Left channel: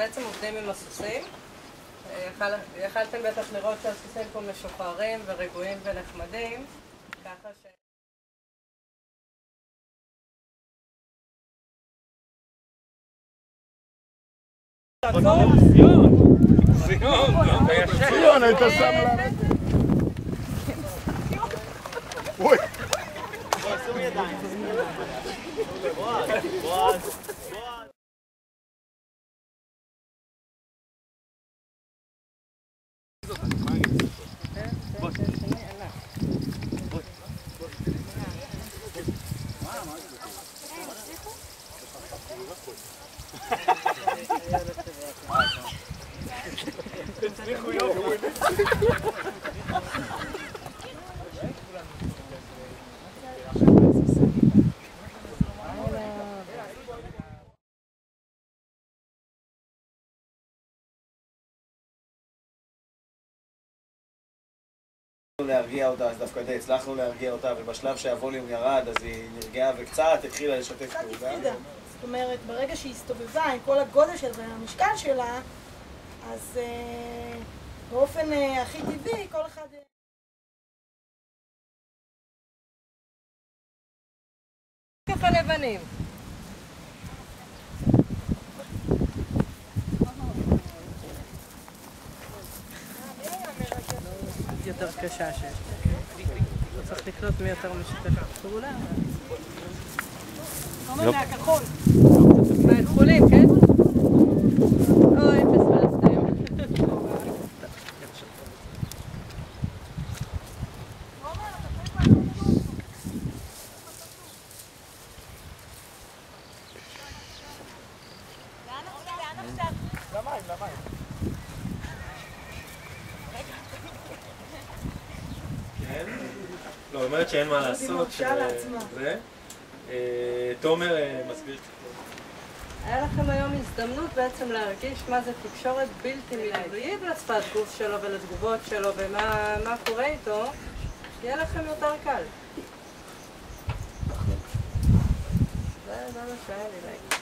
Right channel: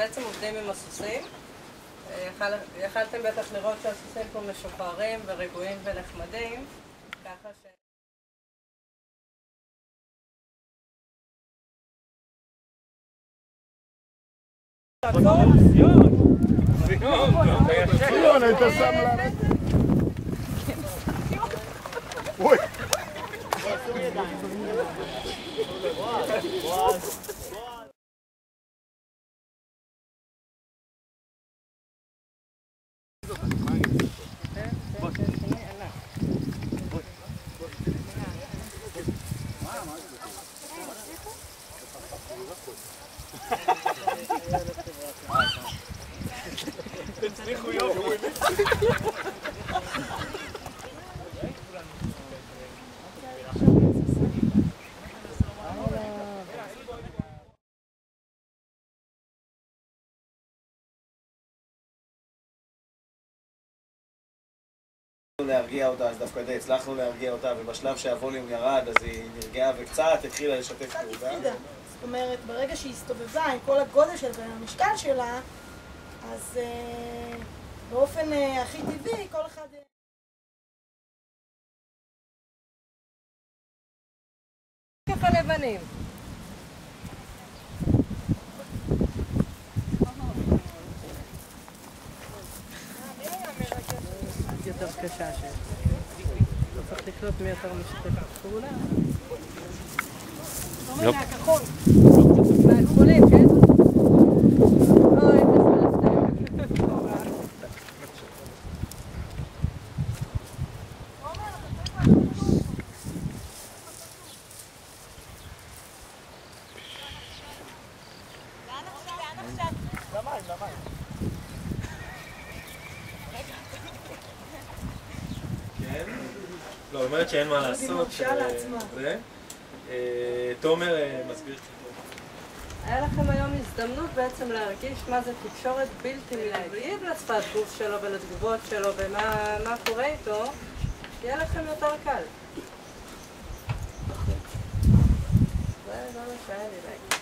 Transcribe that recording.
בעצם עובדים עם הסוסים. יכלתם בטח לראות שהסוסים פה משוחררים ורגועים ונחמדים, ככה ש... ציון, היית שם לה... אוי! להרגיע אותה, אז דווקא די הצלחנו להרגיע אותה, ובשלב שהווליום ירד אז היא נרגעה וקצת התחילה לשתף פעולה. קצת הפרידה. זאת אומרת, ברגע שהיא הסתובבה עם כל הגודל שלה והמשקל שלה, אז באופן הכי טבעי כל אחד... ככה לבנים. יותר קשה שיש. אתה צריך לקנות מי יותר משתף פעולה. אומר מהכחול. מהכחולים, כן? אוי, פספסתם. למים, למים. כן? לא, היא אומרת שאין מה לעשות. תומר מסביר קצת. היה לכם היום הזדמנות בעצם להרגיש מה זה תקשורת בלתי מילולית לשפת גוף שלו ולתגובות שלו ומה קורה איתו, יהיה לכם יותר קל. זה מה שהיה לי להגיד.